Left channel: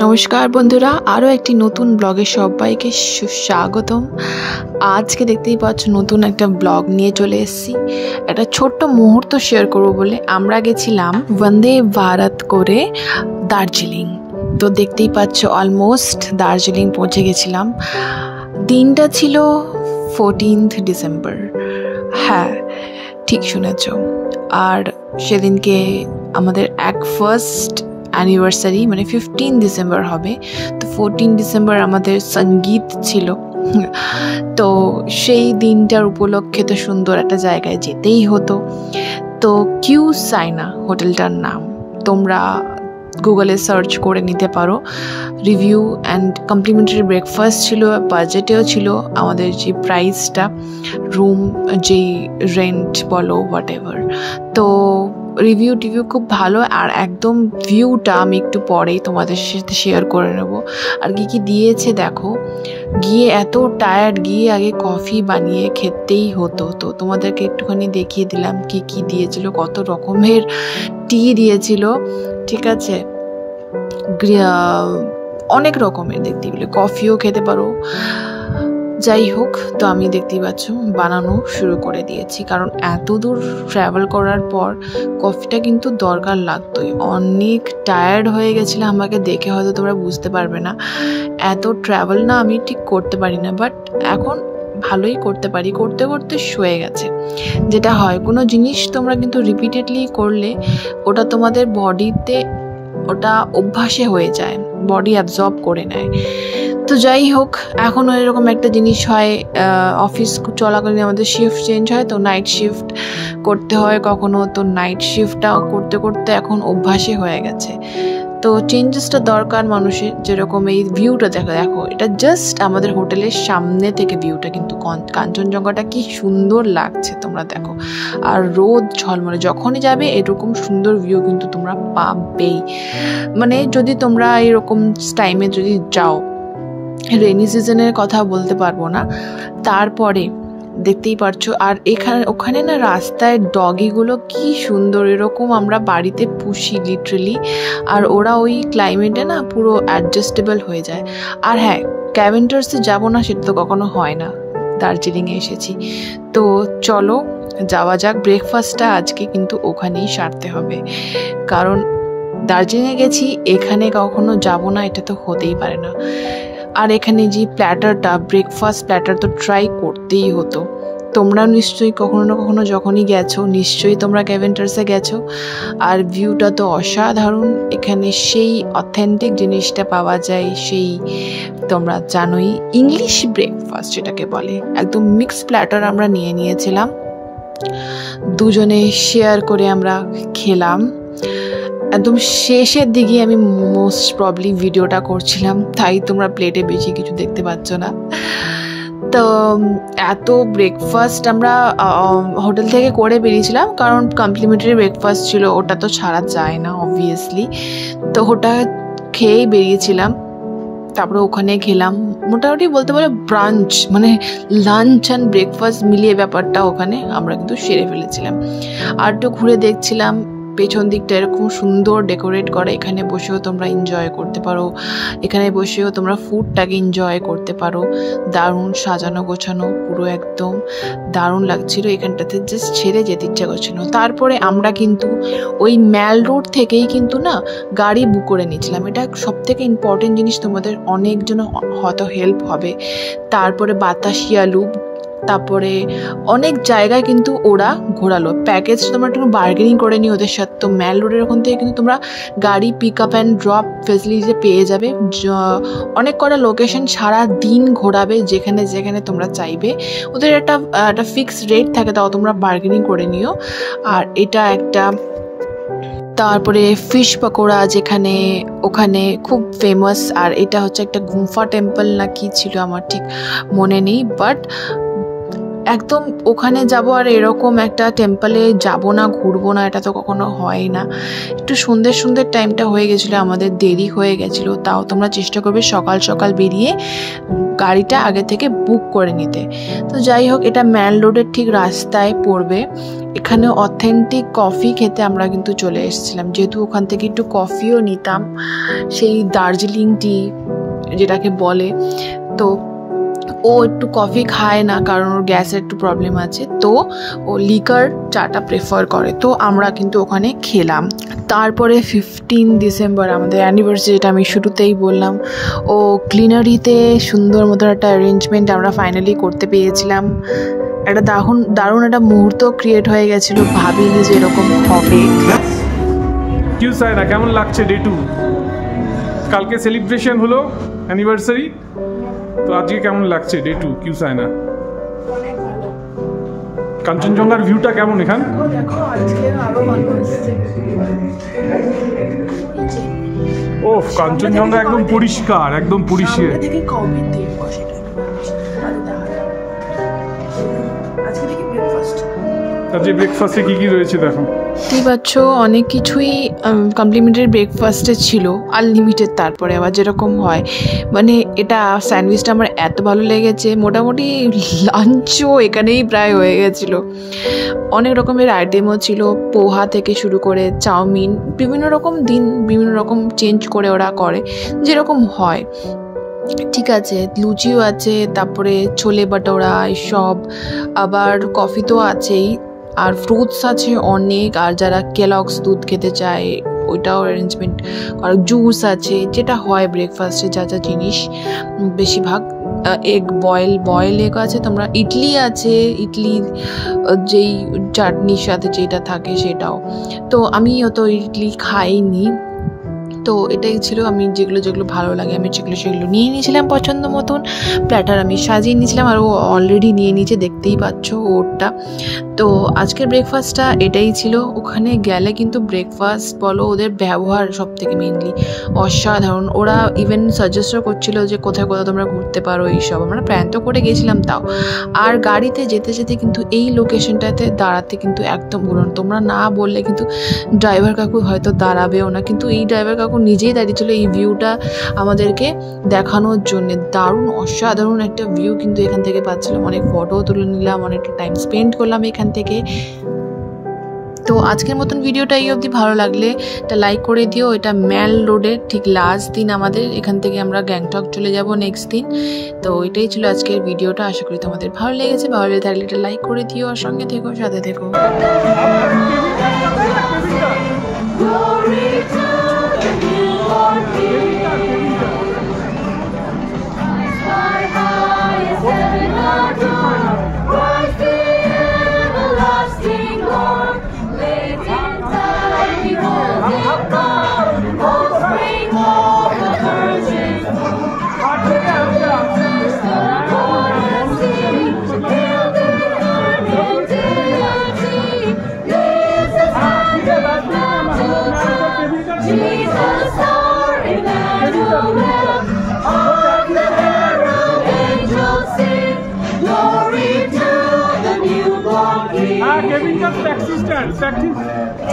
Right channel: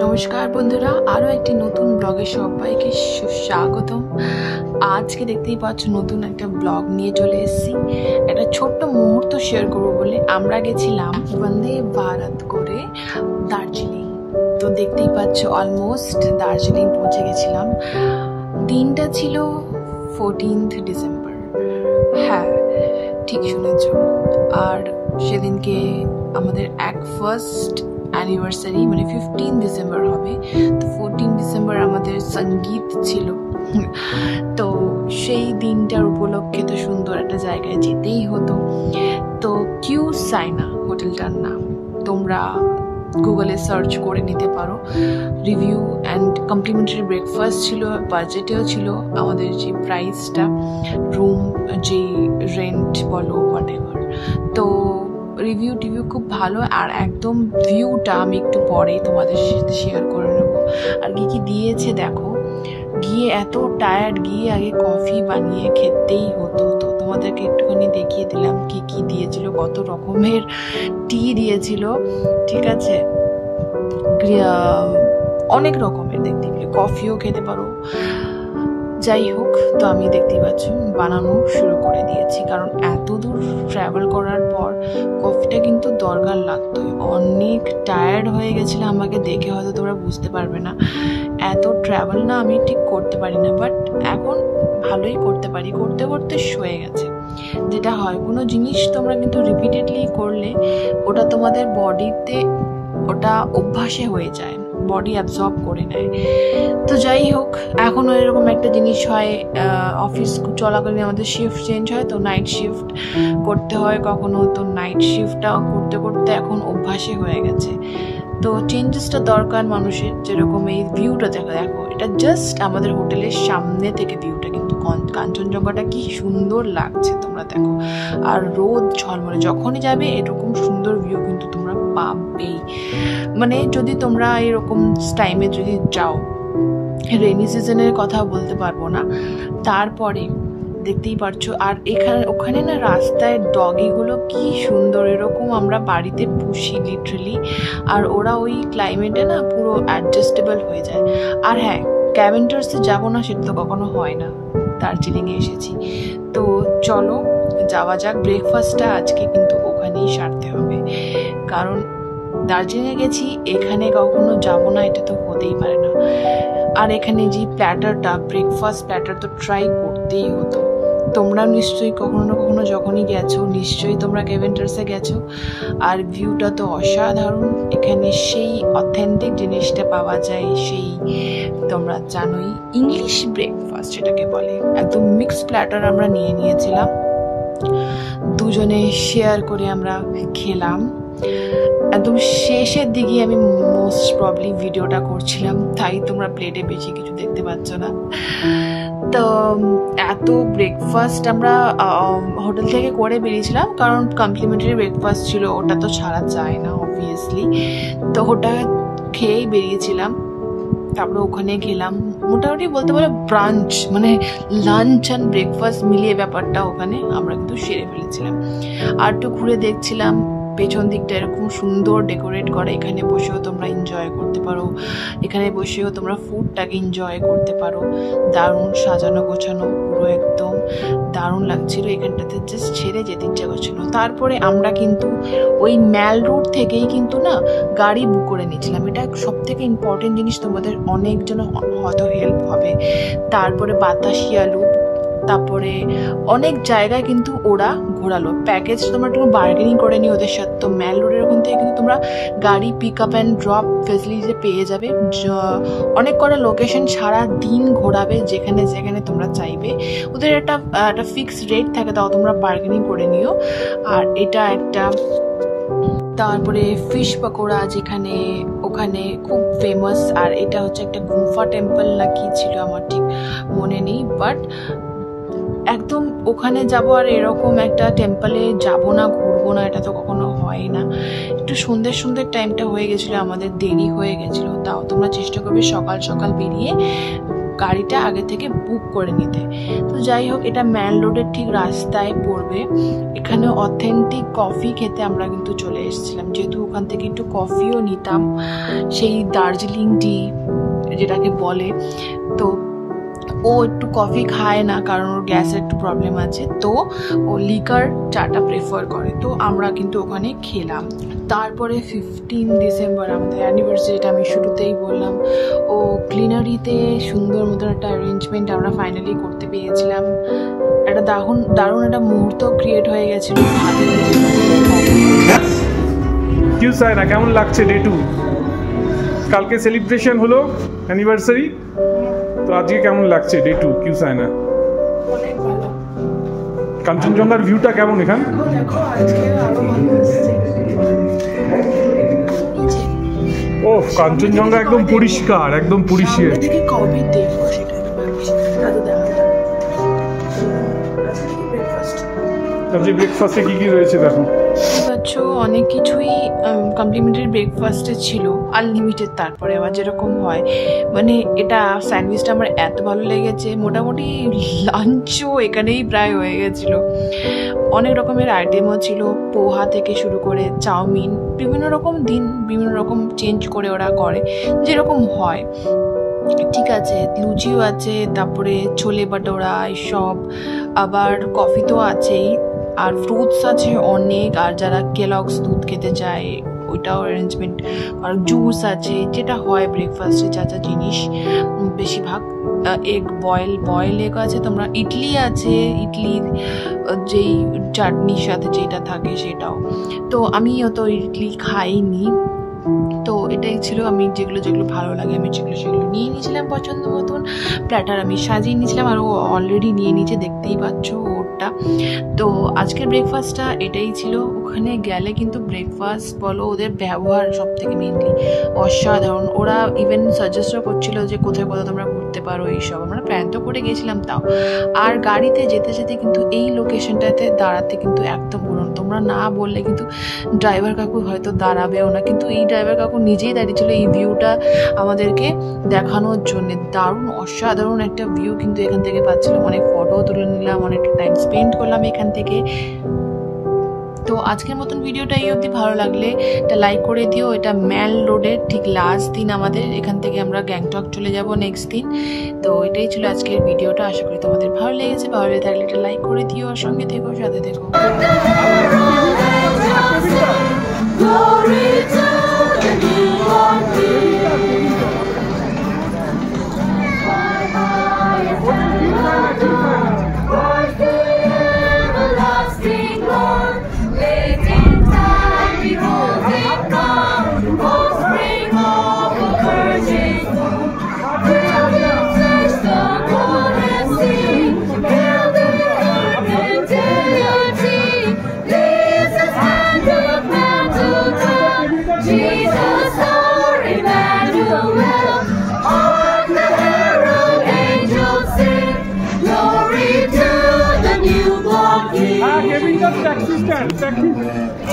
নমস্কার বন্ধুরা, আরও একটি নতুন ব্লগে সবাইকে সুস্বাগতম। আজকে দেখতেই পাচ্ছ নতুন একটা ব্লগ নিয়ে চলে এসেছি। একটা ছোট্ট মুহূর্ত শেয়ার করব বলে আমরা গেছিলাম বন্দে ভারত করে দার্জিলিং। তো দেখতেই পাচ্ছ অলমোস্ট দার্জিলিং পৌঁছে গেছিলাম। দিনটা ছিল 14th ডিসেম্বর। হ্যাঁ, ঠিক শুনেছ। আর সেদিনকে আমাদের ফার্স্ট অ্যানিভার্সারি, মানে 15 ডিসেম্বর হবে। তো 14 ডিসেম্বর আমাদের সঙ্গীত ছিল। তো সেই দিনটার উপলক্ষে তো সুন্দর একটা জায়গায় যেতেই হতো। তো কিউ সাইনা হোটেলটার নাম, তোমরা গুগলে সার্চ করে নিতে পারো। রিভিউ অ্যান্ড কমপ্লিমেন্টারি ব্রেকফাস্ট ছিল, বাজেটেও ছিল আমাদের যে প্রাইসটা, রুম যেই রেন্ট বলো হোয়াট এভার। তো রিভিউ খুব ভালো। আর একদম ভিউটা আমি একটু পরেই তোমাদের সাথে শেয়ার করে নেব। আর কি দিয়েছে দেখো, গিয়ে এত টায়ার্ড, গিয়ে আগে কফি বানিয়ে খেতেই হতো। তো তোমাদেরকে একটুখানি দেখিয়ে দিলাম কি দিয়েছিল। কত রকমের টি দিয়েছিল, ঠিক আছে, অনেক রকমের দেখতে পেলে, কফিও খেতে পারো। যাই হোক, তো আমি দেখতেই পাচ্ছ বানানো শুরু করে দিয়েছি, কারণ এত দূর ট্রাভেল করার পর কফিটা কিন্তু দরকার লাগতোই। অনেক টায়ার্ড হয়ে গেছিলাম, আমাকে দেখে হয়তো তোমরা বুঝতে পারবে না। এত ট্রাভেল না আমি ঠিক করতে পারি না, বাট এখন ভালোই করতে পারি। করতে করতে শুয়ে গেছে। যেটা হয়, কোনো জিনিস তোমরা কিন্তু রিপিটেডলি করলে ওটা তোমাদের বডিতে, ওটা অভ্যাসে হয়ে যায়, বডি অ্যাবজর্ব করে নেয়। তো যাই হোক, এখনও এরকম একটা জিনিস হয়, অফিস চলাকালীন আমাদের শিফট চেঞ্জ হয়, তো নাইট শিফট করতে হয় কখনো। তো নাইট শিফটটা করতে করতে এখন অভ্যাসে হয়ে গেছে। তো চেঞ্জেসটা দরকার মানুষের। যেরকম এই ভিউটা দেখো, এটা জাস্ট আমাদের হোটেলের সামনে থেকে ভিউটা, কিন্তু কাঞ্চনজঙ্ঘাটা কি সুন্দর লাগছে তোমরা দেখো। আর রোদ ঝলমলে, যখনই যাবে এরকম সুন্দর ভিউ কিন্তু তোমরা পাবেই। মানে যদি তোমরা এরকম টাইমে যদি যাও, রেনি সিজনের কথা বলতে পারবো না, তারপরে দেখতেই পারছো। আর ওখানে না রাস্তায় ডগিগুলো কি সুন্দর, এরকম আমরা বাড়িতে পুষি লিটারেলি। আর ওরা ওই ক্লাইমেটে না পুরো অ্যাডজাস্টেবল হয়ে যায়। আর হ্যাঁ, ক্যাভেন্টার্সে যাবো না সেটা তো কখনো হয় না, দার্জিলিংয়ে এসেছি। তো চলো যাওয়া যাক। ব্রেকফাস্টটা আজকে কিন্তু ওখানেই সারতে হবে, কারণ দার্জিলিংয়ে গেছি, এখানে কখনো যাব না এটা তো হতেই পারে না। আর এখানে যে প্ল্যাটারটা, ব্রেকফাস্ট প্ল্যাটার তো ট্রাই করতেই হতো। তোমরা নিশ্চয়ই কখনো না কখনো যখনই গেছো, নিশ্চয়ই তোমরা ক্যাভেন্টার্সে গেছো। আর ভিউটা তো অসাধারণ। এখানে সেই অথেন্টিক জিনিসটা পাওয়া যায়, সেই তোমরা জানোই ইংলিশ ব্রেকফাস্ট যেটাকে বলে। একদম মিক্স প্ল্যাটার আমরা নিয়েছিলাম, দুজনে শেয়ার করে আমরা খেলাম। একদম শেষের দিকে আমি মোস্ট প্রবলি ভিডিওটা করছিলাম, তাই তোমরা প্লেটে বেশি কিছু দেখতে পাচ্ছ না। তো এত ব্রেকফাস্ট আমরা হোটেল থেকে করে বেরিয়েছিলাম, কারণ কমপ্লিমেন্টারি ব্রেকফাস্ট ছিল, ওটা তো ছাড়া যায় না অবভিয়াসলি। তো ওটা খেয়েই বেরিয়েছিলাম। তারপরে ওখানে খেলাম, মোটামুটি বলতে পারো ব্রাঞ্চ, মানে লাঞ্চ অ্যান্ড ব্রেকফাস্ট মিলিয়ে ব্যাপারটা ওখানে আমরা কিন্তু সেরে ফেলেছিলাম। আর একটু ঘুরে দেখছিলাম, পেছন দিকটা এরকম সুন্দর ডেকোরেট করা, এখানে বসেও তোমরা এনজয় করতে পারো, এখানে বসেও তোমরা ফুডটাকে এনজয় করতে পারো। দারুণ সাজানো গোছানো, পুরো একদম দারুণ লাগছিল। এখানটাতে জাস্ট ছেড়ে যেতে ইচ্ছা করছিল। তারপরে আমরা কিন্তু ওই ম্যাল রোড থেকেই কিন্তু না গাড়ি বুক করে নিয়েছিলাম। এটা সব থেকে ইম্পর্টেন্ট জিনিস, তোমাদের অনেকজন হয়তো হেল্প হবে। তারপরে বাতাসিয়া লুপ, তারপরে অনেক জায়গায় কিন্তু ওরা ঘোরালো। প্যাকেজ তোমরা একটু বার্গেনিং করে নিও ওদের সাথে। তো ম্যাল রোডের ওখান থেকে কিন্তু তোমরা গাড়ি pick up and drop facility পেয়ে যাবে। অনেক কটা লোকেশন সারা দিন ঘোরাবে, যেখানে যেখানে তোমরা চাইবে। ওদের একটা ফিক্সড রেট থাকে, তাও তোমরা বার্গেনিং করে নিও। আর এটা একটা, তারপরে ফিশ পকোড়া যেখানে ওখানে খুব ফেমাস। আর এটা হচ্ছে একটা গুম্ফা টেম্পল না কি ছিল আমার ঠিক মনে নেই, বাট একদম ওখানে যাব আর এরকম একটা টেম্পলে যাব না, ঘুরবো না, এটা তো কখনো হয় না। একটু সন্ধ্যের টাইমটা হয়ে গেছিলো, আমাদের দেরি হয়ে গেছিলো। তাও তোমরা চেষ্টা করবে সকাল সকাল বেরিয়ে গাড়িটা আগে থেকে বুক করে নিতে। তো যাই হোক, এটা ম্যাল রোডের ঠিক রাস্তায় পড়বে। এখানে অথেন্টিক কফি খেতে আমরা কিন্তু চলে এসেছিলাম, যেহেতু ওখান থেকে একটু কফিও নিতাম, সেই দার্জিলিং টি যেটাকে বলে। তো ও একটু কফি খায় না, কারণ ওর গ্যাসের একটু প্রবলেম আছে, তো ও লিকার চাটা প্রেফার করে। তো আমরা কিন্তু ওখানে খেলাম। তারপরে 15 ডিসেম্বর আমাদের অ্যানিভার্সারি, যেটা আমি শুরুতেই বললাম, ও ক্লিনারিতে সুন্দর মতো একটা অ্যারেঞ্জমেন্ট আমরা ফাইনালি করতে পেরেছিলাম। একটা দারুণ একটা মুহূর্ত ক্রিয়েট হয়ে গেছিল, ভাবিনি যে এরকম হবে। কিউ সায়না, কেমন লাগছে ডে 2? কালকে সেলিব্রেশন হলো অ্যানিভার্সারি, তো আজকে কেমন লাগছে ডে 2 কিউ সায়না? অনেক ভালো। কাঞ্চনজঙ্ঘার ভিউটা কেমন এখান? দেখো আজকে আরো ভালো এসেছে। ওহ, কাঞ্চনজঙ্ঘা একদম পরিষ্কার, একদম পরিষ্কার। থেকে কবে দেখবো সেটা আজ দেখা যাবে। আজকে থেকে ব্রেকফাস্ট, আজকে ব্রেকফাস্টে কি কি রয়েছে দেখো। কি পাচ্ছ, অনেক কিছুই কমপ্লিমেন্টারি ব্রেকফাস্টে ছিল, আনলিমিটেড। তারপরে আবার যেরকম হয়, মানে এটা স্যান্ডউইচটা আমার এত ভালো লেগেছে, মোটামুটি লাঞ্চও এখানেই প্রায় হয়ে গেছিলো। অনেক রকমের আইটেমও ছিল, পোহা থেকে শুরু করে চাউমিন, বিভিন্ন রকম দিন বিভিন্ন রকম চেঞ্জ করে ওরা করে, যেরকম হয়। ঠিক আছে, লুচিও আছে, তারপরে ছোলে বাটোরা এসব, আবার কফি তো আছেই, আর ফ্রুটস আছে অনেক। আর যারা কেলগস দুধ খেতে চায় ওইটাও অ্যারেঞ্জমেন্ট, আর জুস আছে, যেটা হয় ব্রেকফাস্টে যা যা জিনিস বেশিরভাগ। এগ বয়েল এগ আছে, তোমরা ইডলি আছে, ইডলির যেই চাটনির সাথে যেটা থাকে সেটাও। তো আমি অত ইডলি খাইনি, তো এটাই ছিল। আমি যেগুলো ভালো লাগে আমি সেগুলো নিয়ে নিয়েছিলাম পছন্দ মতন। প্ল্যাটার আমি সাজিয়ে নিয়েছিলাম, আর ও অলরেডি নিয়ে নিয়েছে, দেখতেই পাচ্ছ ওরটা। তো আজকের ব্রেকফাস্টটা এটাই ছিল। ওখানে গেলে কিন্তু ব্রেকফাস্ট বলো, ওদের ব্যবহার সব থেকে মেনলি অসাধারণ। ওরা ইভেন সাজেস্টও করছিল যে কোথায় কোথায় তোমরা ঘুরতে পারো এইসব। আমরা প্ল্যান তো করে গেছিলাম তাও। আর গাড়িতে যেতে যেতে কিন্তু এই লোকেশনটাতে দাঁড়াতে কিন্তু একদম বলুন, তোমরা না বললে কিন্তু ড্রাইভার কাকু হয়তো দাঁড়াবেও না, কিন্তু এই ড্রাইভার কাকু নিজেই দাঁড়িয়েছিল এই ভিউটা আমাদেরকে দেখানোর জন্য। দারুণ অসাধারণ একটা ভিউ কিন্তু এখান থেকে পাচ্ছিলাম। অনেক ফটো তুলে নিলাম, অনেকটা টাইম স্পেন্ড করলাম এখান থেকে। তো আজকের মতন ভিডিওটা এই অবধি। ভালো লাগলে এটা লাইক করে দিও। এটা ম্যাল রোডের ঠিক লাস্ট দিন আমাদের, এখান থেকে আমরা গ্যাংটক চলে যাব নেক্সট দিন। তো এটাই ছিল আজকের ভিডিওটা। আশা করি তোমাদের ভালো লেগেছে। ভালো লেগে থাকলে এটা লাইক করে দিও, আর সঙ্গে থেকো, সাথে থেকো। Kevin, just taxi stand.